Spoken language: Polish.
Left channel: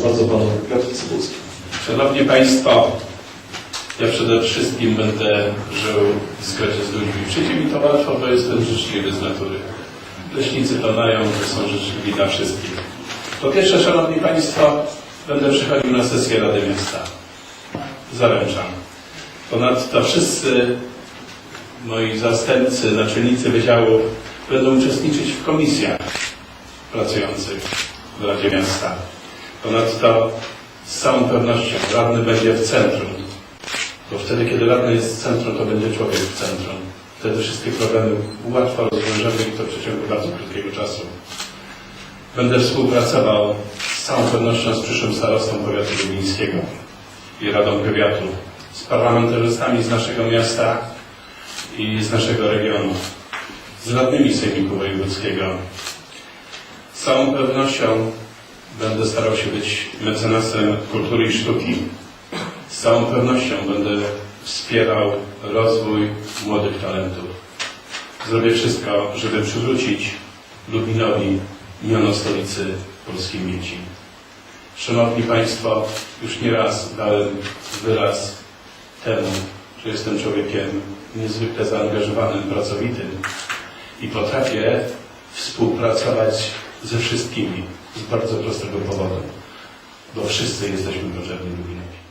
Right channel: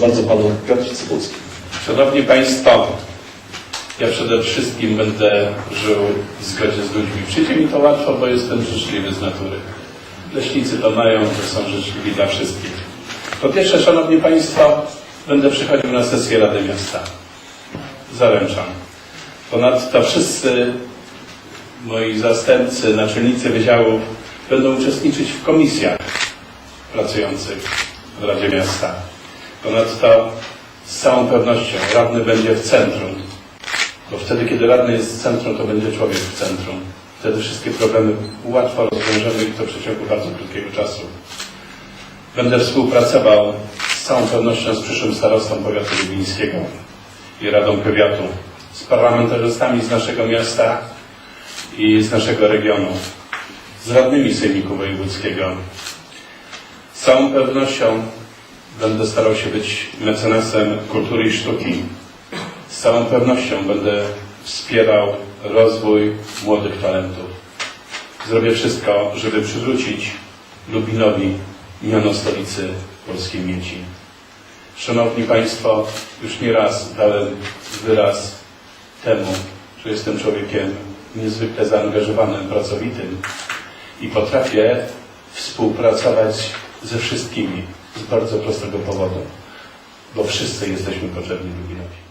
Proszę bardzo, Panu Piotr Cybulski. Szanowni Państwo, ja przede wszystkim będę żył w zgodzie z ludźmi. Przyjdzie mi to łatwo, bo jestem życzliwy z natury. Leśnicy to mają, że są życzliwi dla wszystkich. Po pierwsze, Szanowni Państwo, będę przychodził na sesję Rady Miasta. Zaręczam. Ponadto wszyscy moi zastępcy, naczelnicy wydziałów będą uczestniczyć w komisjach pracujących w Radzie Miasta. Ponadto z całą pewnością radny będzie w centrum, bo wtedy, kiedy radny jest w centrum, to będzie człowiek w centrum. Wtedy wszystkie problemy łatwo rozwiążemy i to w przeciągu bardzo krótkiego czasu. Będę współpracował z całą pewnością z przyszłym starostą powiatu lubińskiego i Radą Powiatu, z parlamentarzystami z naszego miasta i z naszego regionu, z radnymi Sejmiku Wojewódzkiego. Z całą pewnością będę starał się być mecenasem kultury i sztuki. Z całą pewnością będę wspierał rozwój młodych talentów. Zrobię wszystko, żeby przywrócić Lubinowi miano stolicy polskiej mieci. Szanowni Państwo, już nie raz dałem wyraz temu, że jestem człowiekiem niezwykle zaangażowanym, pracowitym i potrafię współpracować ze wszystkimi z bardzo prostego powodu, bo wszyscy jesteśmy potrzebni Lubinowi.